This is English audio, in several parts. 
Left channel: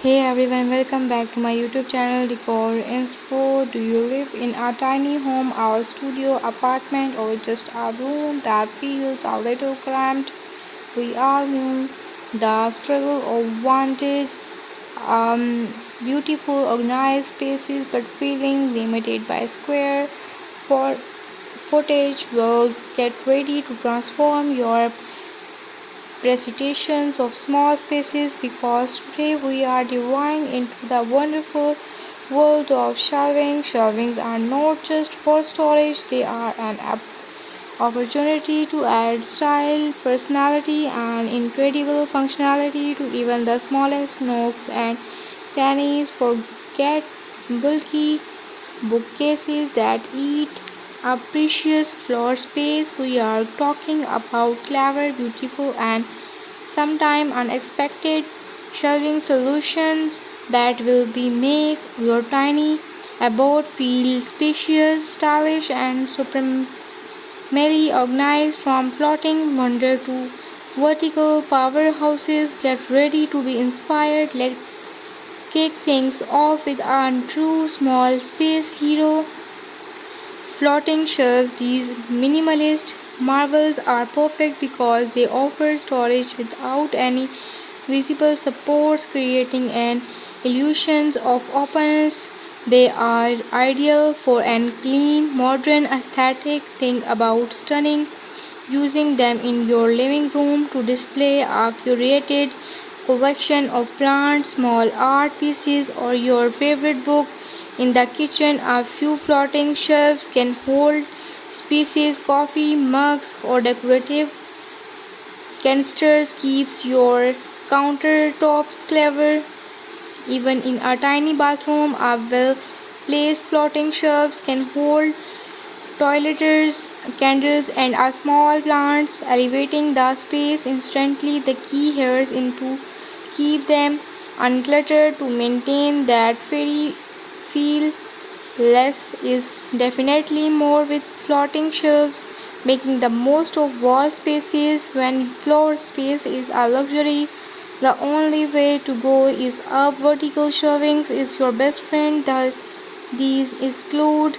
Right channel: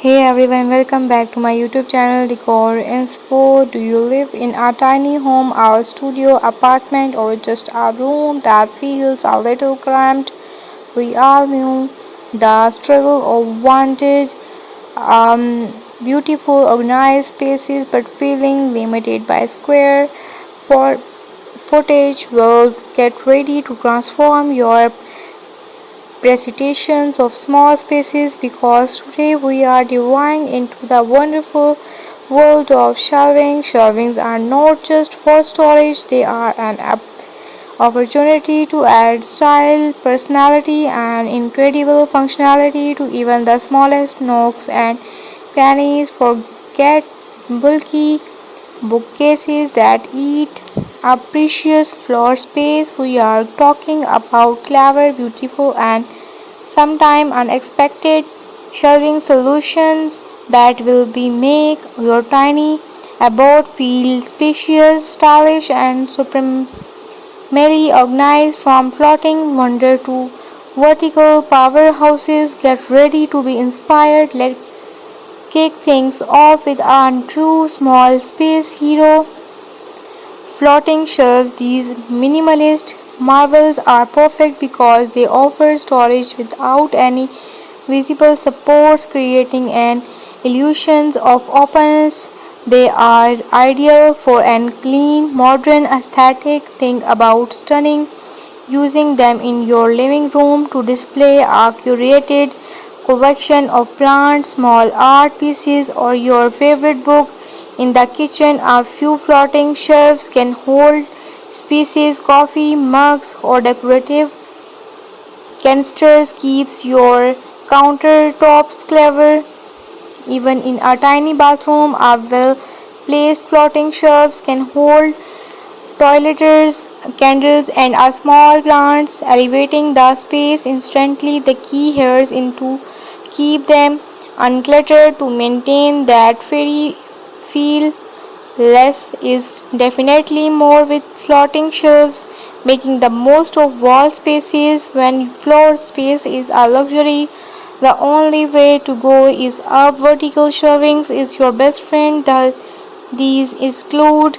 Hey everyone, welcome back to my YouTube channel Decor Inspo. Do you live in a tiny home, a studio, apartment, or just a room that feels a little cramped? We all know the struggle of wanted, beautiful, organized spaces, but feeling limited by square footage. Will get ready to transform your presentations of small spaces because today we are diving into the wonderful world of shelving. Shelvings are not just for storage, they are an opportunity to add style, personality, and incredible functionality to even the smallest nooks and crannies. Forget bulky bookcases that eat up precious floor space. We are talking about clever, beautiful, and sometimes unexpected shelving solutions that will be make your tiny abode feel spacious, stylish, and supremely organized. From floating wonder to vertical powerhouses, get ready to be inspired. Let's kick things off with a true small space hero, floating shelves. These minimalist marvels are perfect because they offer storage without any visible supports, creating an illusion of openness. They are ideal for a clean, modern aesthetic. Think about stunning using them in your living room to display a curated collection of plants, small art pieces, or your favorite book. In the kitchen, a few floating shelves can hold species, coffee mugs, or decorative canisters. Keeps your countertops clever. Even in a tiny bathroom, a well-placed floating shelves can hold toiletries, candles, and a small plants, elevating the space instantly. The key here is to keep them uncluttered to maintain that fairy feel. Less is definitely more with floating shelves, making the most of wall spaces when floor space is a luxury. The only way to go is up. Vertical shelvings is your best friend. These include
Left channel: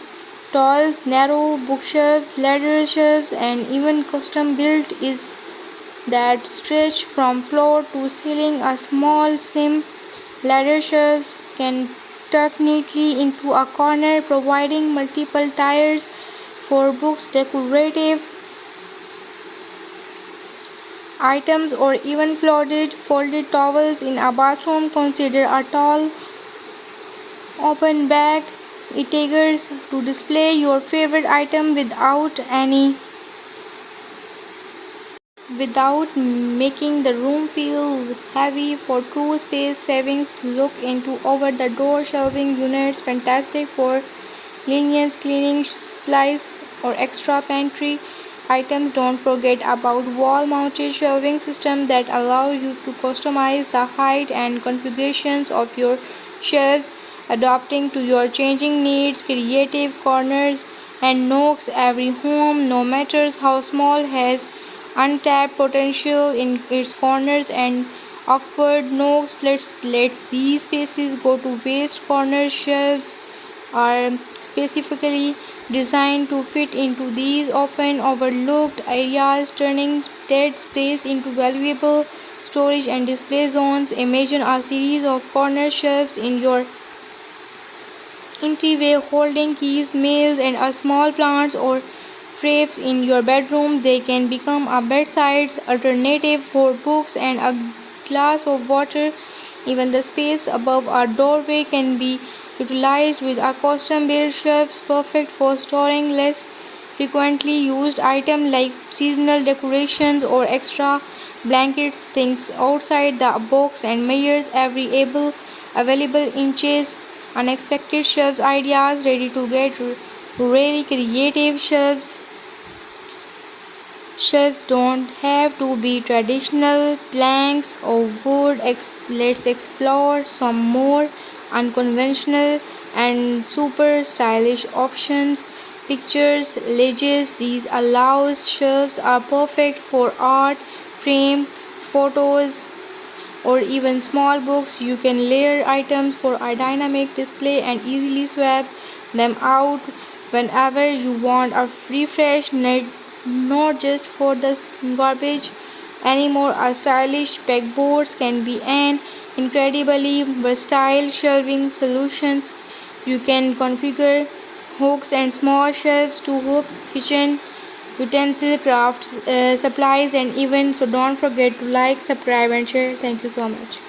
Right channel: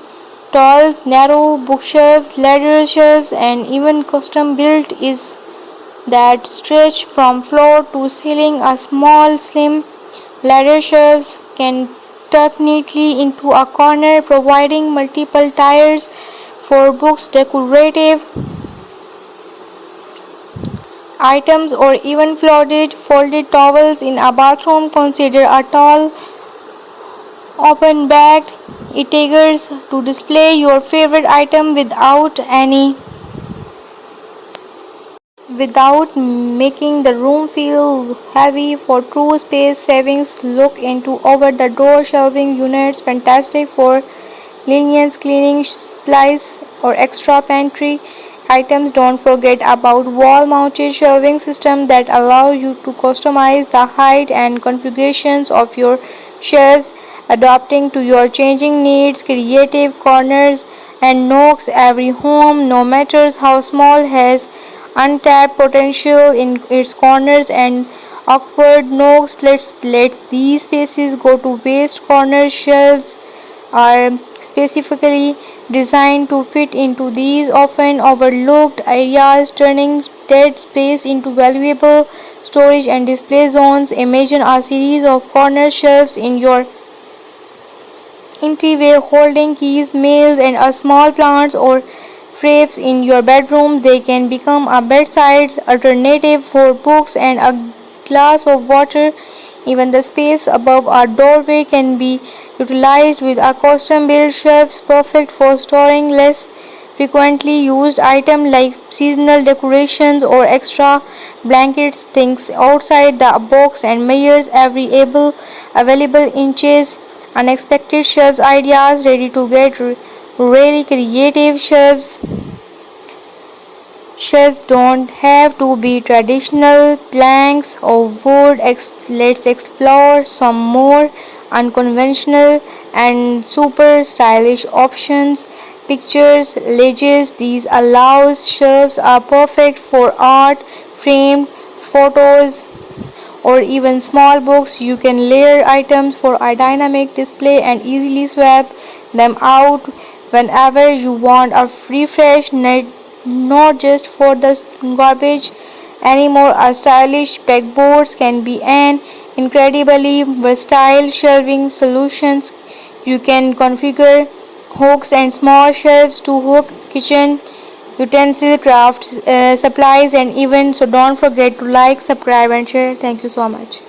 tall, narrow bookshelves, ladder shelves, and even custom built is that stretch from floor to ceiling. A small, slim ladder shelves can tuck neatly into a corner, providing multiple tiers for books, decorative items, or even folded towels. In a bathroom, consider a tall, open bagged etegers to display your favorite item without making the room feel heavy. For true space savings, look into over the door shelving units, fantastic for lenience, cleaning supplies, or extra pantry items. Don't forget about wall mounted shelving systems that allow you to customize the height and configurations of your shelves, adapting to your changing needs. Creative corners and nooks. Every home, no matter how small, has untapped potential in its corners and awkward nooks. Let these spaces go to waste. Corner shelves are specifically designed to fit into these often overlooked areas, turning dead space into valuable storage and display zones. Imagine a series of corner shelves in your entryway holding keys, mails, and a small plants or frames in your bedroom. They can become a bedside alternative for books and a glass of water. Even the space above our doorway can be utilized with a custom built shelves perfect for storing less frequently used items like seasonal decorations or extra blankets. Things outside the box and measures every available inches. Unexpected shelves ideas ready to get really creative. Shelves don't have to be traditional planks or wood. Let's explore some more unconventional and super stylish options. Pictures, ledges. These allows shelves are perfect for art, framed photos, or even small books. You can layer items for a dynamic display and easily swap them out whenever you want a refresh, not just for the garbage anymore. A stylish pegboards can be an incredibly versatile shelving solutions. You can configure hooks and small shelves to hook kitchen utensil, craft supplies, and even. So don't forget to like, subscribe, and share. Thank you so much.